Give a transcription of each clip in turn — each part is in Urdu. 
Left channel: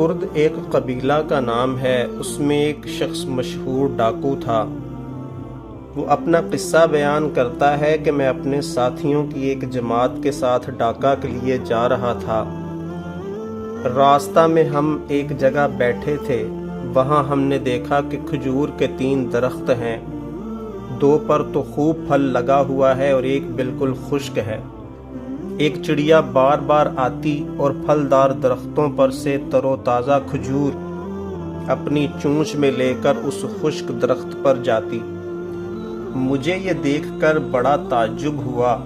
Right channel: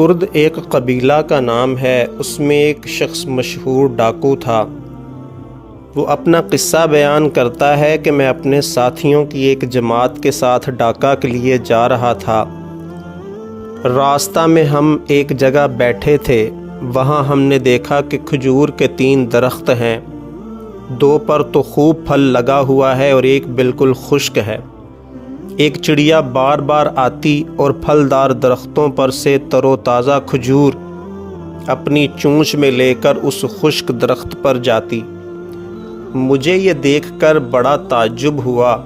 کرد ایک قبیلہ کا نام ہے، اس میں ایک شخص مشہور ڈاکو تھا۔ وہ اپنا قصہ بیان کرتا ہے کہ میں اپنے ساتھیوں کی ایک جماعت کے ساتھ ڈاکہ کے لیے جا رہا تھا۔ راستہ میں ہم ایک جگہ بیٹھے تھے، وہاں ہم نے دیکھا کہ کھجور کے 3 درخت ہیں، 2 پر تو خوب پھل لگا ہوا ہے اور ایک بالکل خشک ہے۔ ایک چڑیا بار بار آتی اور پھلدار درختوں پر سے تر و تازہ کھجور اپنی چونچ میں لے کر اس خشک درخت پر جاتی۔ مجھے یہ دیکھ کر بڑا تعجب ہوا۔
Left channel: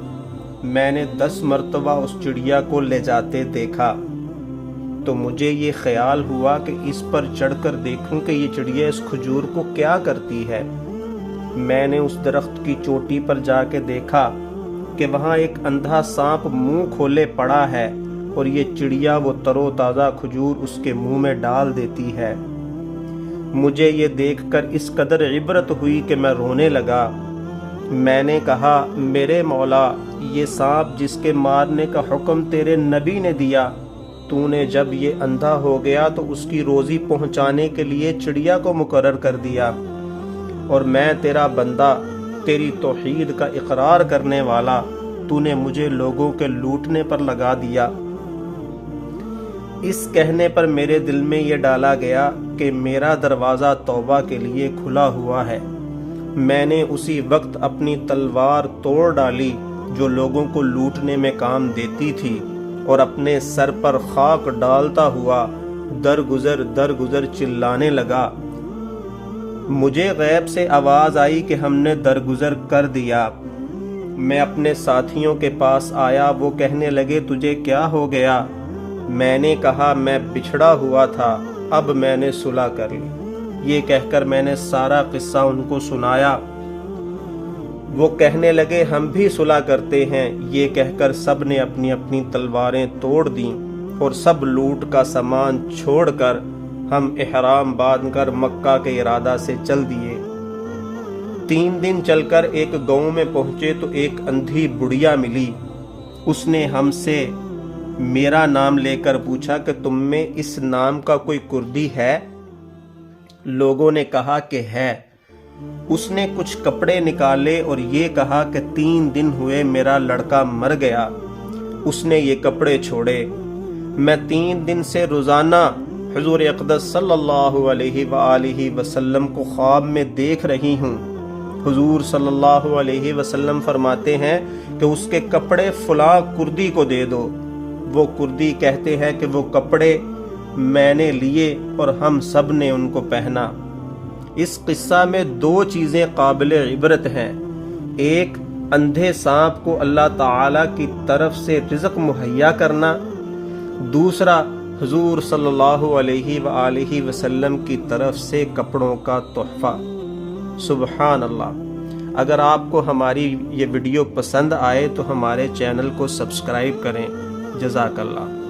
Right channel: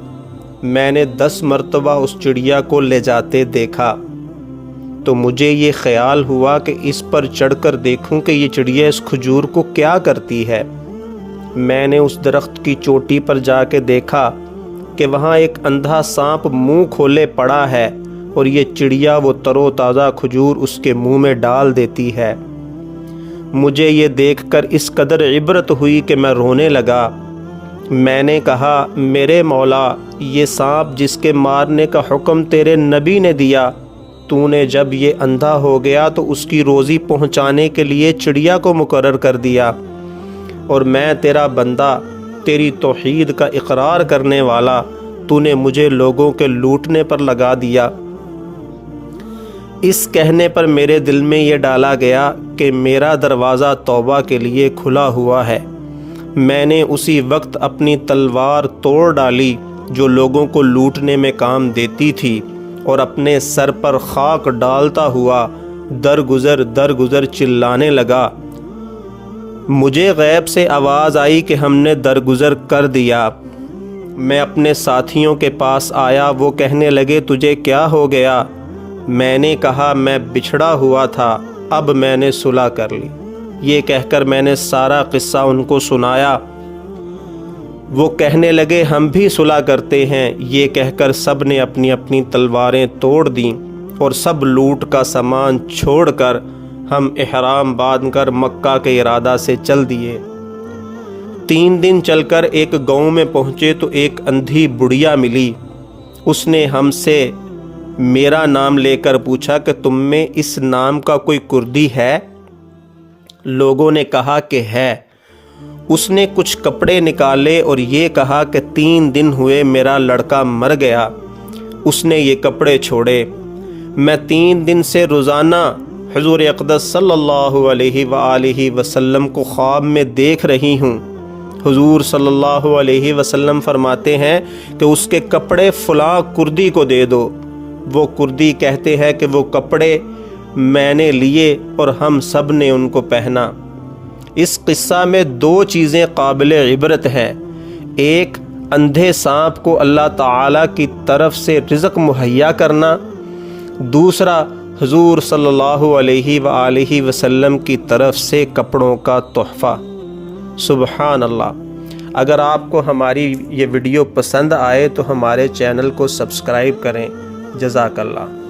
میں نے 10 مرتبہ اس چڑیا کو لے جاتے دیکھا تو مجھے یہ خیال ہوا کہ اس پر چڑھ کر دیکھوں کہ یہ چڑیا اس کھجور کو کیا کرتی ہے۔ میں نے اس درخت کی چوٹی پر جا کے دیکھا کہ وہاں ایک اندھا سانپ منہ کھولے پڑا ہے اور یہ چڑیا وہ تر و تازہ کھجور اس کے منہ میں ڈال دیتی ہے۔ مجھے یہ دیکھ کر اس قدر عبرت ہوئی کہ میں رونے لگا۔ میں نے کہا، میرے مولا، یہ سانپ جس کے مارنے کا حکم تیرے نبی نے دیا، تو نے جب یہ اندھا ہو گیا تو اس کی روزی پہنچانے کے لیے چڑیا کو مقرر کر دیا، اور میں تیرا بندہ، تیری توحید کا اقرار کرنے والا، تو نے مجھے لوگوں کے لوٹنے پر لگا دیا۔ اس کہنے پر میرے دل میں یہ ڈالا گیا کہ میرا دروازہ توبہ کے لیے کھلا ہوا ہے۔ میں نے اسی وقت اپنی تلوار توڑ ڈالی جو لوگوں کو لوٹنے میں کام دیتی تھی، اور اپنے سر پر خاک ڈالتا ہوا درگزر چلانے لگا۔ مجھے غیب سے آواز آئی کہ ہم نے درگزر کر دیا۔ میں اپنے ساتھیوں کے پاس آیا، وہ کہنے لگے، تجھے کیا ہو گیا؟ میں نے کہا، میں بچھڑا ہوا تھا، اب میں نے صلح کر لی۔ یہ کہہ کر میں نے سارا قصہ ان کو سنایا۔ وہ کہنے لگے، ہم بھی صلح کرتے ہیں۔ یہ کہہ کر سب نے اپنی اپنی تلواریں توڑ دیں اور سب لوٹ کا سامان چھوڑ کر ہم احرام باندھ کر مکہ کے ارادہ سے چل دیے۔ 3 دن چل کر ایک گاؤں میں پہنچے تو ایک اندھی بڑھیا ملی۔ اس نے ہم سے میرا نام لے کر پوچھا کہ تم میں اس نام کا کوئی کردی ہے؟ لوگوں نے کہا کہ ہے۔ اس نے کچھ کپڑے نکالے اور یہ کہا کہ 3 دن ہوئے میرا لڑکا مر گیا۔ اس نے یہ کپڑے چھوڑے۔ میں 3 دن سے روزانہ حضور اقدس صلی اللہ علیہ وآلہ وسلم کو خواب میں دیکھ رہی ہوں۔ حضور صلی اللہ علیہ وسلم فرماتے ہیں کہ اس کے کپڑے فلاں کردی کو دے دو۔ وہ کردی کہتے ہیں کہ وہ کپڑے میں نے لیے اور ہم سب نے ان کو پہنا۔ اس قصہ میں 2 چیزیں قابل عبرت ہیں۔ ایک، اندھے سانپ کو اللہ تعالیٰ کی طرف سے رزق مہیا کرنا۔ دوسرا، حضور صلی اللہ علیہ وآلہ وسلم کی طرف سے کپڑوں کا تحفہ۔ سبحان اللہ۔ اگر آپ کو ہماری یہ ویڈیو پسند آئے تو ہمارے چینل کو سبسکرائب کریں۔ جزاک اللہ۔